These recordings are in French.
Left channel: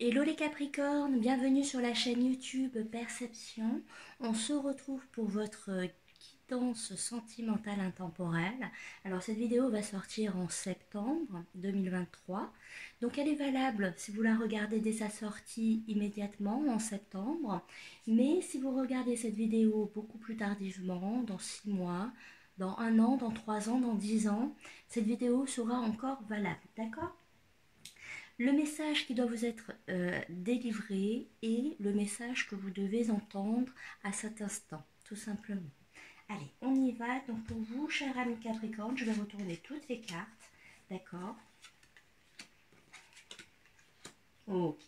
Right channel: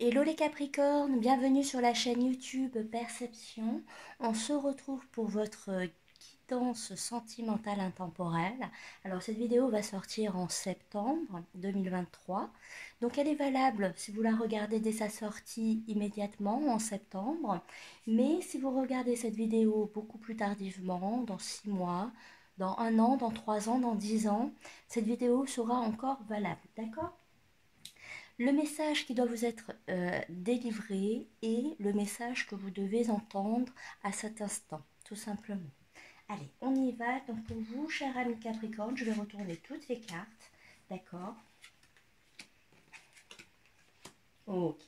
Hello les Capricornes, bienvenue sur la chaîne YouTube Perception. On se retrouve pour votre guidance sentimentale intemporelle. Alors cette vidéo va sortir en septembre 2023. Donc elle est valable si vous la regardez dès sa sortie immédiatement en septembre. Mais si vous regardez cette vidéo beaucoup plus tardivement, dans 6 mois, dans 1 an, dans 3 ans, dans 10 ans, cette vidéo sera encore valable. D'accord ? Le message qui doit vous être délivré est le message que vous devez entendre à cet instant, tout simplement. Allez, on y va. Donc pour vous, cher ami Capricorne, je vais retourner toutes les cartes. D'accord. Ok.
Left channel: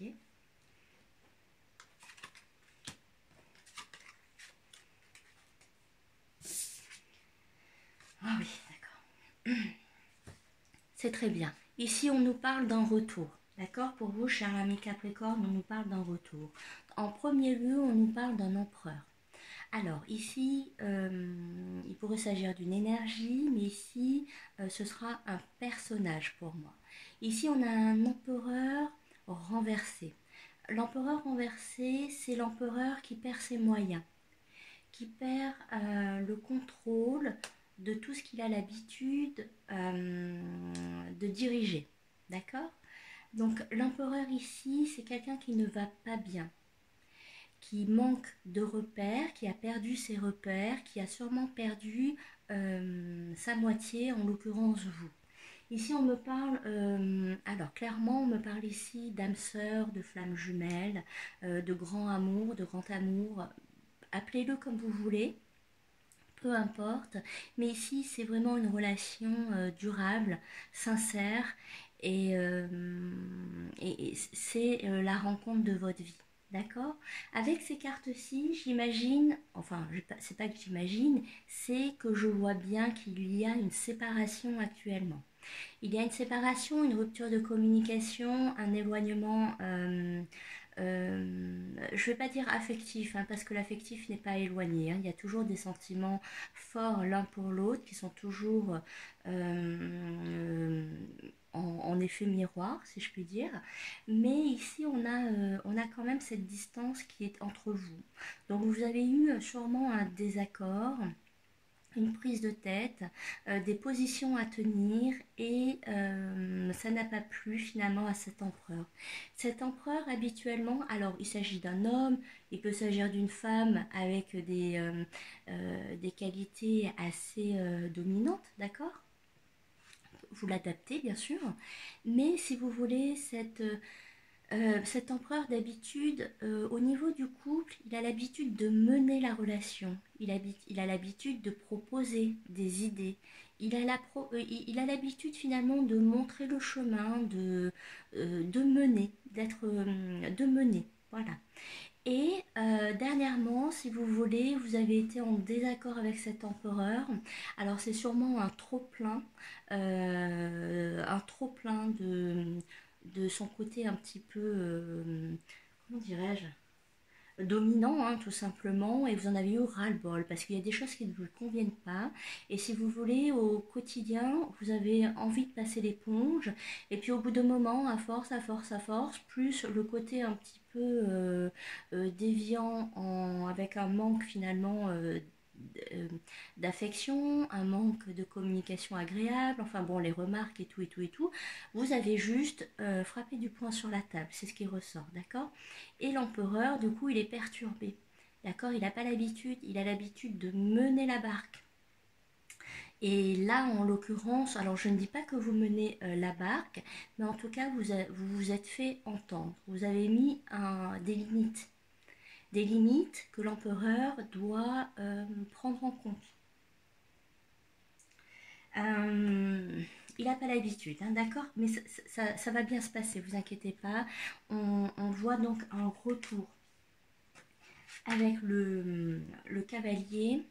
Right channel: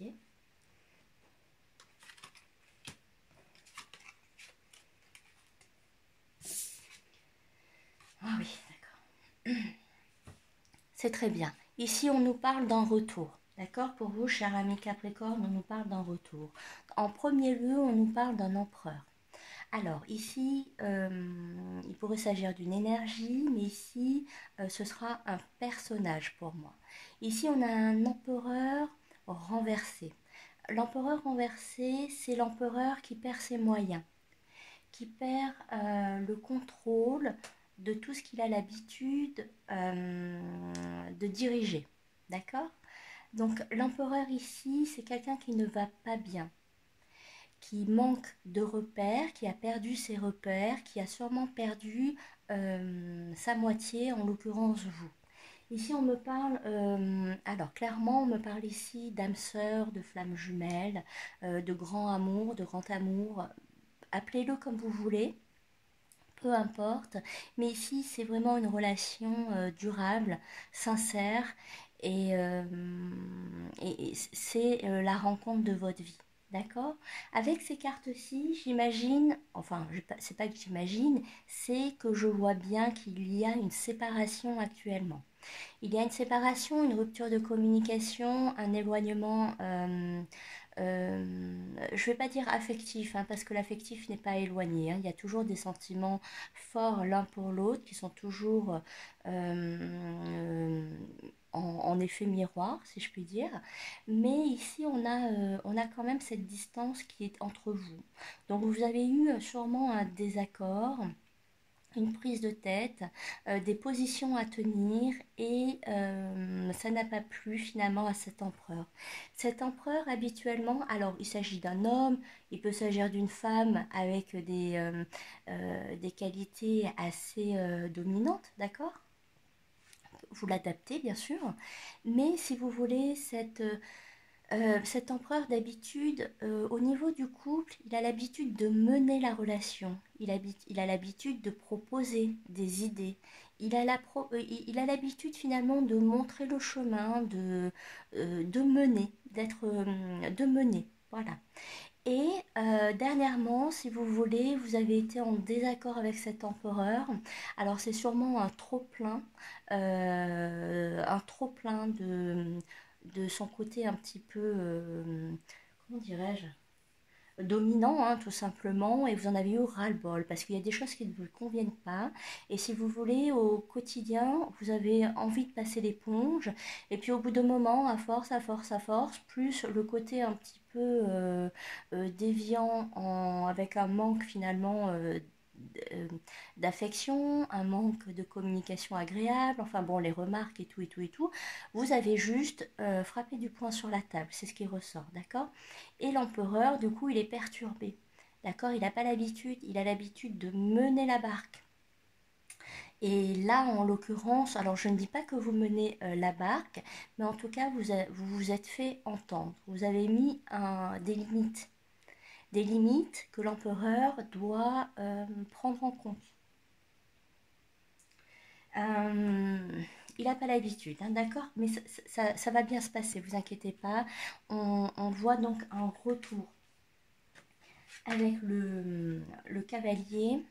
Ah oui, d'accord. C'est très bien. Ici, on nous parle d'un retour. D'accord. Pour vous, cher ami Capricorne, on nous parle d'un retour. En premier lieu, on nous parle d'un empereur. Alors ici, il pourrait s'agir d'une énergie, mais ici, ce sera un personnage pour moi. Ici, on a un empereur renversé. L'empereur renversé, c'est l'empereur qui perd ses moyens, qui perd le contrôle de tout ce qu'il a l'habitude de diriger. D'accord? Donc l'empereur ici, c'est quelqu'un qui ne va pas bien, qui manque de repères, qui a perdu ses repères, qui a sûrement perdu sa moitié, en l'occurrence vous. Ici on me parle, alors clairement on me parle ici d'âme sœur, de flamme jumelle, de grand amour, de grand amour, appelez-le comme vous voulez, peu importe, mais ici c'est vraiment une relation durable, sincère, et c'est la rencontre de votre vie. D'accord? Avec ces cartes-ci, j'imagine, enfin, c'est pas que j'imagine, c'est que je vois bien qu'il y a une séparation actuellement. Il y a une séparation, une rupture de communication, un éloignement, je ne vais pas dire affectif, hein, parce que l'affectif n'est pas éloigné. Hein. Il y a toujours des sentiments forts l'un pour l'autre qui sont toujours en effet miroir, si je puis dire. Mais ici, on a quand même cette distance qui est entre vous. Donc, vous avez eu sûrement un désaccord, une prise de tête, des positions à tenir, et ça n'a pas plu finalement à cet empereur. Cet empereur habituellement, alors il s'agit d'un homme, il peut s'agir d'une femme avec des qualités assez dominantes, d'accord? Vous l'adaptez bien sûr, mais si vous voulez cet empereur d'habitude, au niveau du couple, il a l'habitude de mener la relation, il a l'habitude de proposer des idées, il a l'habitude finalement de montrer le chemin, de mener, de mener, voilà. Et dernièrement, si vous voulez, vous avez été en désaccord avec cet empereur. Alors c'est sûrement un trop plein de son côté un petit peu, comment dirais-je, dominant, hein, tout simplement, et vous en avez eu ras-le-bol parce qu'il y a des choses qui ne vous conviennent pas, et si vous voulez, au quotidien vous avez envie de passer l'éponge, et puis au bout de moment, à force, à force, à force, plus le côté un petit peu déviant, avec un manque finalement d'affection, un manque de communication agréable, enfin bon, les remarques et tout et tout et tout, vous avez juste frappé du poing sur la table, c'est ce qui ressort, d'accord? Et l'empereur, du coup, il est perturbé, d'accord? Il n'a pas l'habitude, il a l'habitude de mener la barque. Et là, en l'occurrence, alors je ne dis pas que vous menez la barque, mais en tout cas, vous vous êtes fait entendre. Vous avez mis des limites que l'empereur doit prendre en compte. Il n'a pas l'habitude, hein, d'accord? Mais ça va bien se passer, vous inquiétez pas. On voit donc un retour avec le cavalier,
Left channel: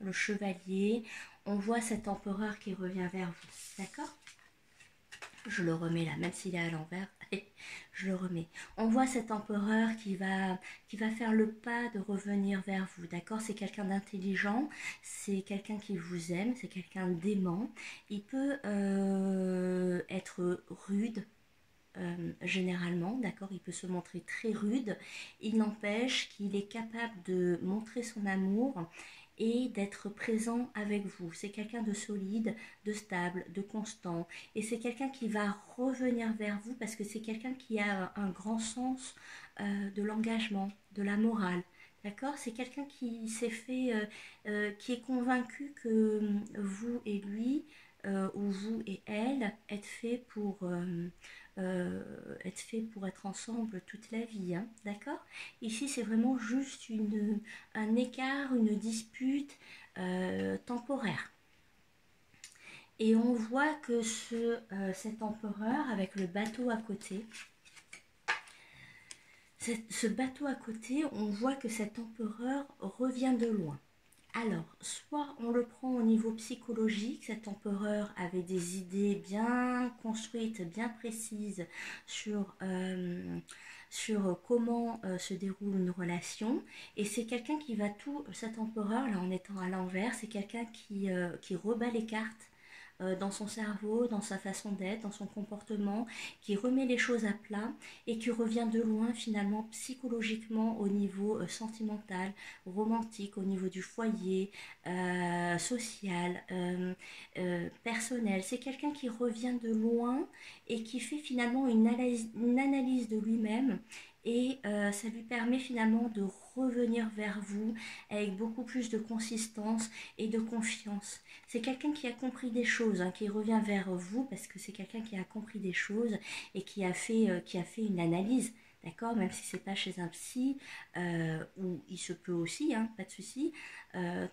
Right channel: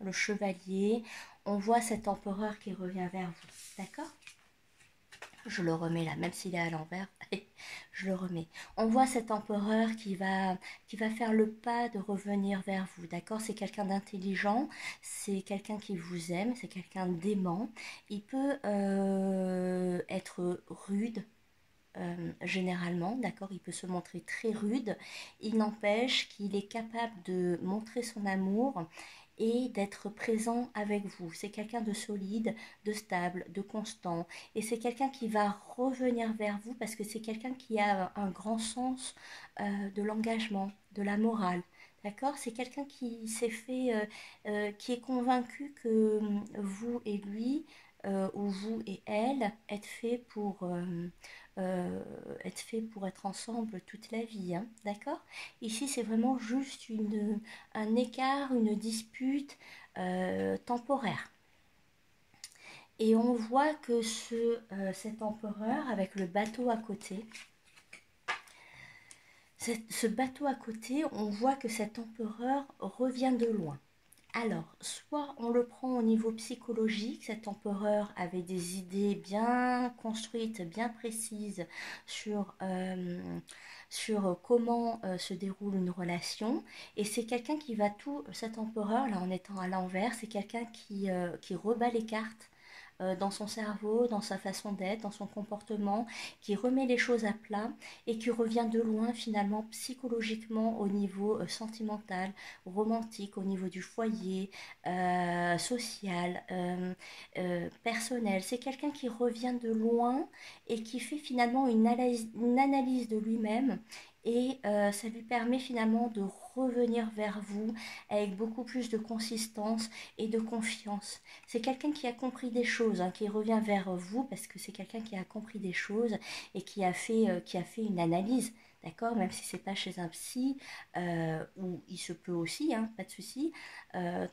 le chevalier. On voit cet empereur qui revient vers vous, d'accord? Je le remets là, même s'il est à l'envers. Je le remets. On voit cet empereur qui va faire le pas de revenir vers vous, d'accord? C'est quelqu'un d'intelligent, c'est quelqu'un qui vous aime, c'est quelqu'un d'aimant. Il peut être rude, généralement, d'accord, il peut se montrer très rude, il n'empêche qu'il est capable de montrer son amour et d'être présent avec vous. C'est quelqu'un de solide, de stable, de constant, et c'est quelqu'un qui va revenir vers vous parce que c'est quelqu'un qui a un grand sens de l'engagement, de la morale. D'accord? C'est quelqu'un qui s'est fait, qui est convaincu que vous et lui, ou vous et elle, êtes fait pour être ensemble toute la vie. Hein, d'accord? Ici, c'est vraiment juste un écart, une dispute temporaire. Et on voit que cet empereur, avec le bateau à côté, ce bateau à côté, on voit que cet empereur revient de loin. Alors, soit on le prend au niveau psychologique, cet empereur avait des idées bien construites, bien précises sur comment se déroule une relation, et c'est quelqu'un qui va cet empereur, là en étant à l'envers, c'est quelqu'un qui rebat les cartes dans son cerveau, dans sa façon d'être, dans son comportement, qui remet les choses à plat et qui revient de loin finalement psychologiquement au niveau sentimental, romantique, au niveau du foyer, social, personnel. C'est quelqu'un qui revient de loin et qui fait finalement une analyse de lui-même, et ça lui permet finalement de revenir vers vous avec beaucoup plus de consistance et de confiance. C'est quelqu'un qui a compris des choses, hein, qui revient vers vous parce que c'est quelqu'un qui a compris des choses et qui a fait une analyse. D'accord, même si c'est pas chez un psy, où il se peut aussi, hein, pas de souci,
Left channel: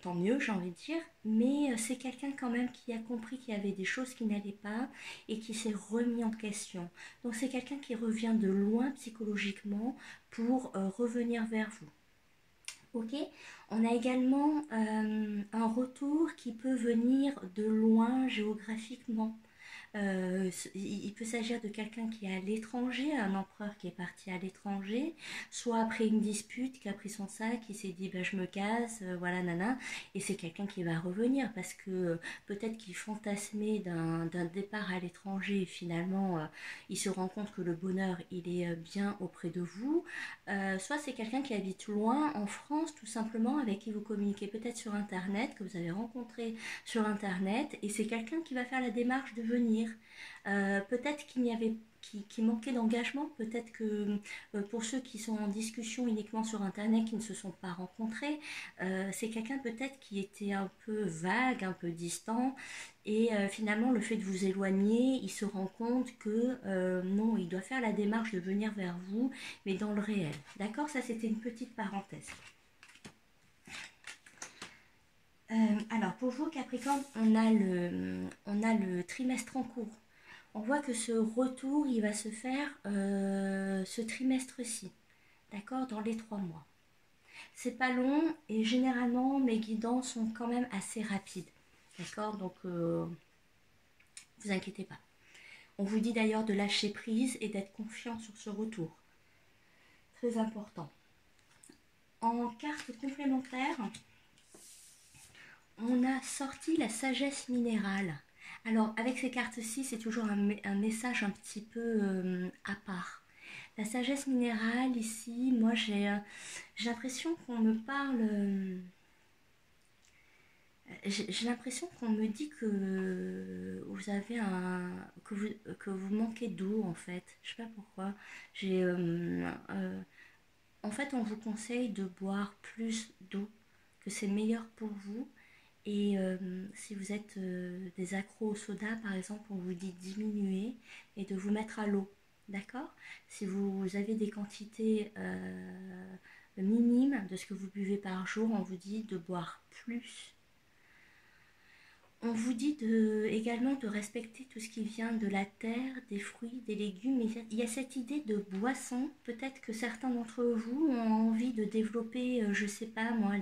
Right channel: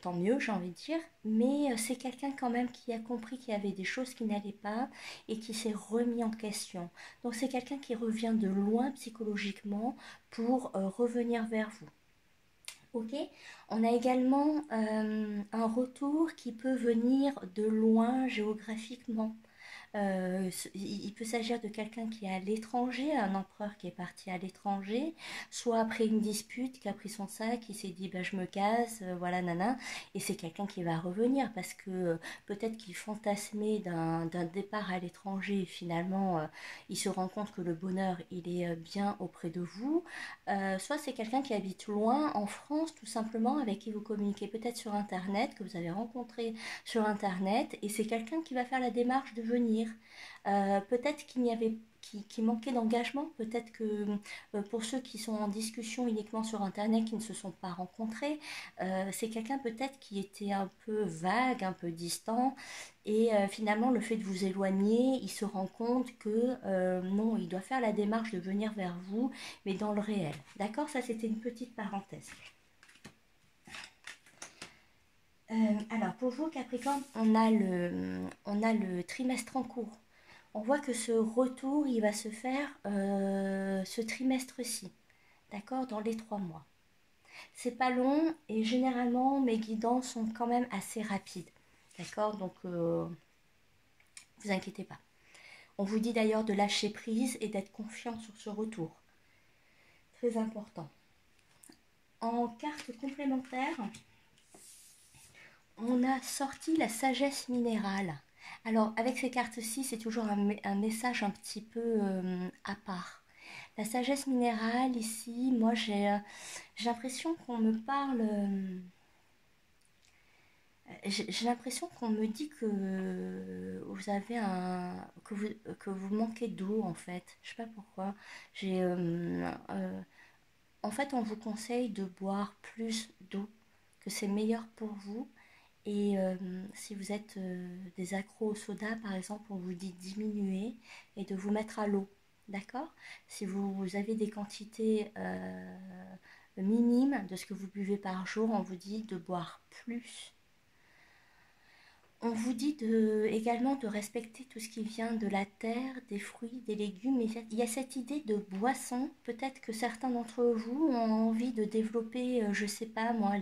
tant mieux, j'ai envie de dire, mais c'est quelqu'un quand même qui a compris qu'il y avait des choses qui n'allaient pas et qui s'est remis en question. Donc c'est quelqu'un qui revient de loin psychologiquement pour revenir vers vous. Ok, on a également un retour qui peut venir de loin géographiquement. Il peut s'agir de quelqu'un qui est à l'étranger, un empereur qui est parti à l'étranger, soit après une dispute, qui a pris son sac, qui s'est dit bah, je me casse, voilà nana, et c'est quelqu'un qui va revenir parce que peut-être qu'il fantasmait d'un départ à l'étranger et finalement il se rend compte que le bonheur il est bien auprès de vous. Soit c'est quelqu'un qui habite loin en France tout simplement, avec qui vous communiquez peut-être sur internet, que vous avez rencontré sur internet, et c'est quelqu'un qui va faire la démarche de venir. Peut-être qui manquait d'engagement, peut-être que pour ceux qui sont en discussion uniquement sur internet, qui ne se sont pas rencontrés, c'est quelqu'un peut-être qui était un peu vague, un peu distant, et finalement le fait de vous éloigner, il se rend compte que non, il doit faire la démarche de venir vers vous, mais dans le réel. D'accord, ça c'était une petite parenthèse. Alors pour vous Capricorne, on a le trimestre en cours. On voit que ce retour, il va se faire ce trimestre-ci, d'accord, dans les 3 mois. C'est pas long et généralement mes guidances sont quand même assez rapides, d'accord, donc vous inquiétez pas. On vous dit d'ailleurs de lâcher prise et d'être confiant sur ce retour. Très important. En carte complémentaire, on a sorti la sagesse minérale. Alors, avec ces cartes-ci, c'est toujours un message un petit peu à part. La sagesse minérale, ici, moi, j'ai l'impression qu'on me parle... j'ai l'impression qu'on me dit que vous avez que vous manquez d'eau, en fait. Je sais pas pourquoi. En fait, on vous conseille de boire plus d'eau, que c'est meilleur pour vous. Et si vous êtes des accros au soda, par exemple, on vous dit de diminuer et de vous mettre à l'eau. D'accord? Si vous avez des quantités minimes de ce que vous buvez par jour, on vous dit de boire plus. On vous dit également de respecter tout ce qui vient de la terre, des fruits, des légumes. Il y a cette idée de boisson. Peut-être que certains d'entre vous ont envie de développer, je sais pas moi,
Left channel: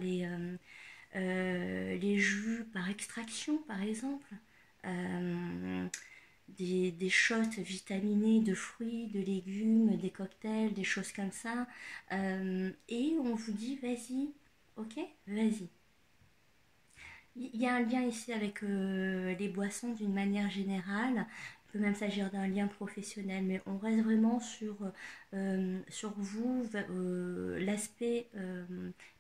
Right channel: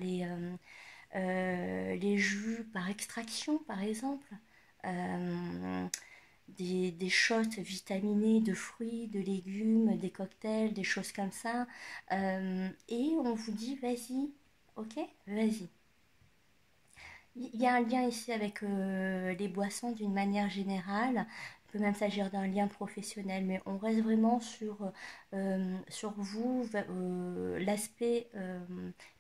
les jus par extraction par exemple, des shots vitaminés de fruits, de légumes, des cocktails, des choses comme ça, et on vous dit vas-y, ok, vas-y. Il y a un lien ici avec les boissons d'une manière générale, Il peut même s'agir d'un lien professionnel, mais on reste vraiment sur vous, l'aspect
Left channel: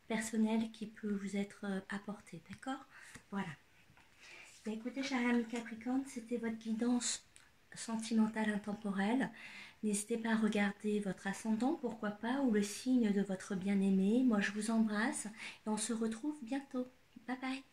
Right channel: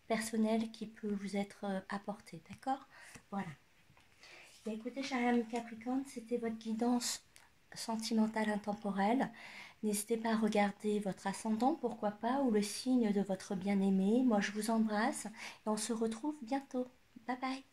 personnel qui peut vous être apporté, d'accord? Voilà. Bah, écoutez, cher ami Capricorne, c'était votre guidance sentimentale intemporelle. N'hésitez pas à regarder votre ascendant, pourquoi pas, ou le signe de votre bien-aimé. Moi, je vous embrasse et on se retrouve bientôt. Bye bye.